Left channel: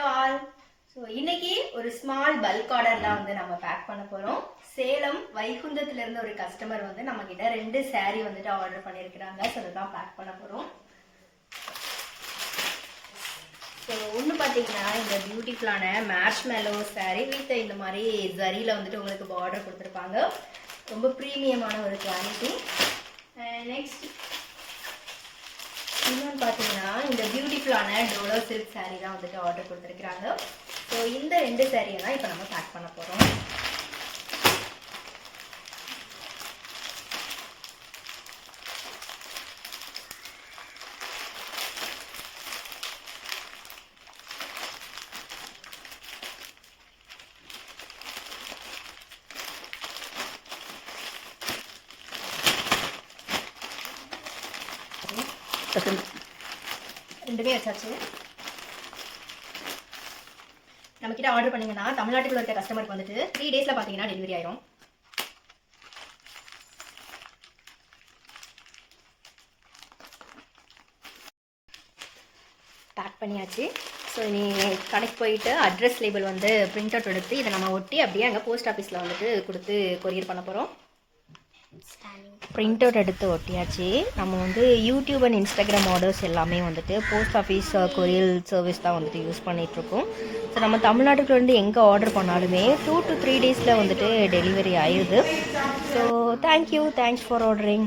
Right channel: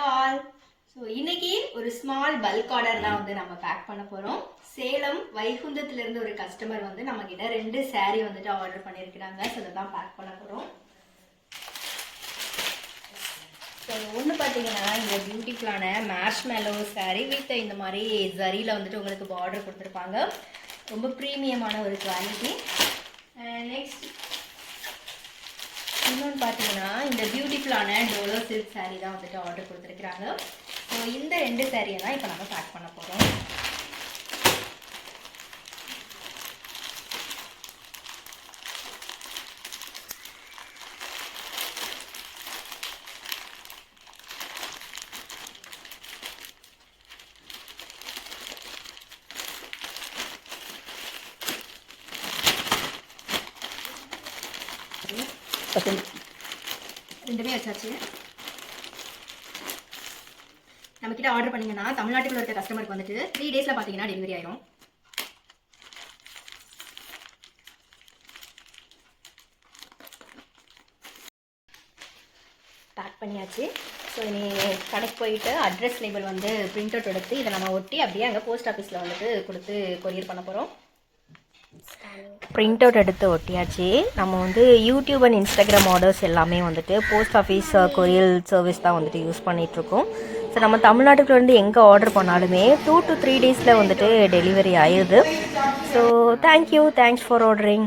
Hello all. So இன்னைக்கு ஒரு small bulk order தான் வந்து நம்ம பேக் பண்ண போகிறோம். சேலம் வைகுந்தத்துலேருந்து ஒரு கஸ்டமர் வந்து நம்மக்கிட்ட 2 saree வந்துட்டு ஆர்டர் பண்ணியிருக்கிறாங்க. ஸோ அதை தான் பேக் பண்ண போகிறோம். ஸோ ஒன்று பார்த்தீங்கன்னா இந்த பியூட்டிஃபுல்லான மேர்ஷ்மெலோ saree வித் இந்த மாதிரி ஜரியில் வந்துட்டு உங்களுக்கு பார்டர் கொடுத்துருப்பாங்க. ரொம்ப ப்ரீமியமான ஒரு குவாலிட்டி. நெக்ஸ்ட் இன்னொன்று பார்த்தீங்கன்னா இந்த பியூட்டிஃபுல்லான டோலோ சில்க் saree தான் வந்துட்டு ஆர்டர் கொடுத்துருக்குறாங்க. ஸோ இந்த 2 சாரியை தான் இப்போ நம்ம பேக் பண்ண போகிறோம். ரெண்டுமே வச்சாச்சு. நம்மக்கிட்ட ஆர்டர் பண்ணிங்கன்னா தமிழ்நாட்டுக்குள்ள இருக்க கஸ்டமருக்கு வந்துட்டு 3 daysல பார்த்தீங்கன்னா டெலிவரி ஆயிடும். பேக் பண்ணியாச்சு. ஸோ நீ கடைக்கு போயிட்டு அட்ரஸ் லேபிள் வந்து பிரிண்ட் அவுட் எடுத்து இதை நம்ம ஒட்டி அப்படியே அங்கே போஸ்ட் ஆஃபீஸில் வந்துட்டு கொடுத்து கொரியர் பண்ண போகிறோம். பிரிண்ட் அவுட் எடுத்து ஒட்டியாச்சு. நம்ம வந்து யூடியூப் அண்ட் இன்ஸ்டாகிராம் ஆர்டர்ஸ் எல்லாமே வந்துட்டு போஸ்ட் ஆஃபீஸ் கொரியர் சர்வீஸ் தான் வந்துட்டு யூஸ் பண்ணிகிட்ருக்கோம். ஸோ நம்ம தமிழ்நாட்டுக்குள்ளேருந்து எங்கே ஆர்டர் பண்ணாலுமே 2 to 3 daysல வந்துட்டு டெலிவரி ஆயிடுது. So thanks for ordering.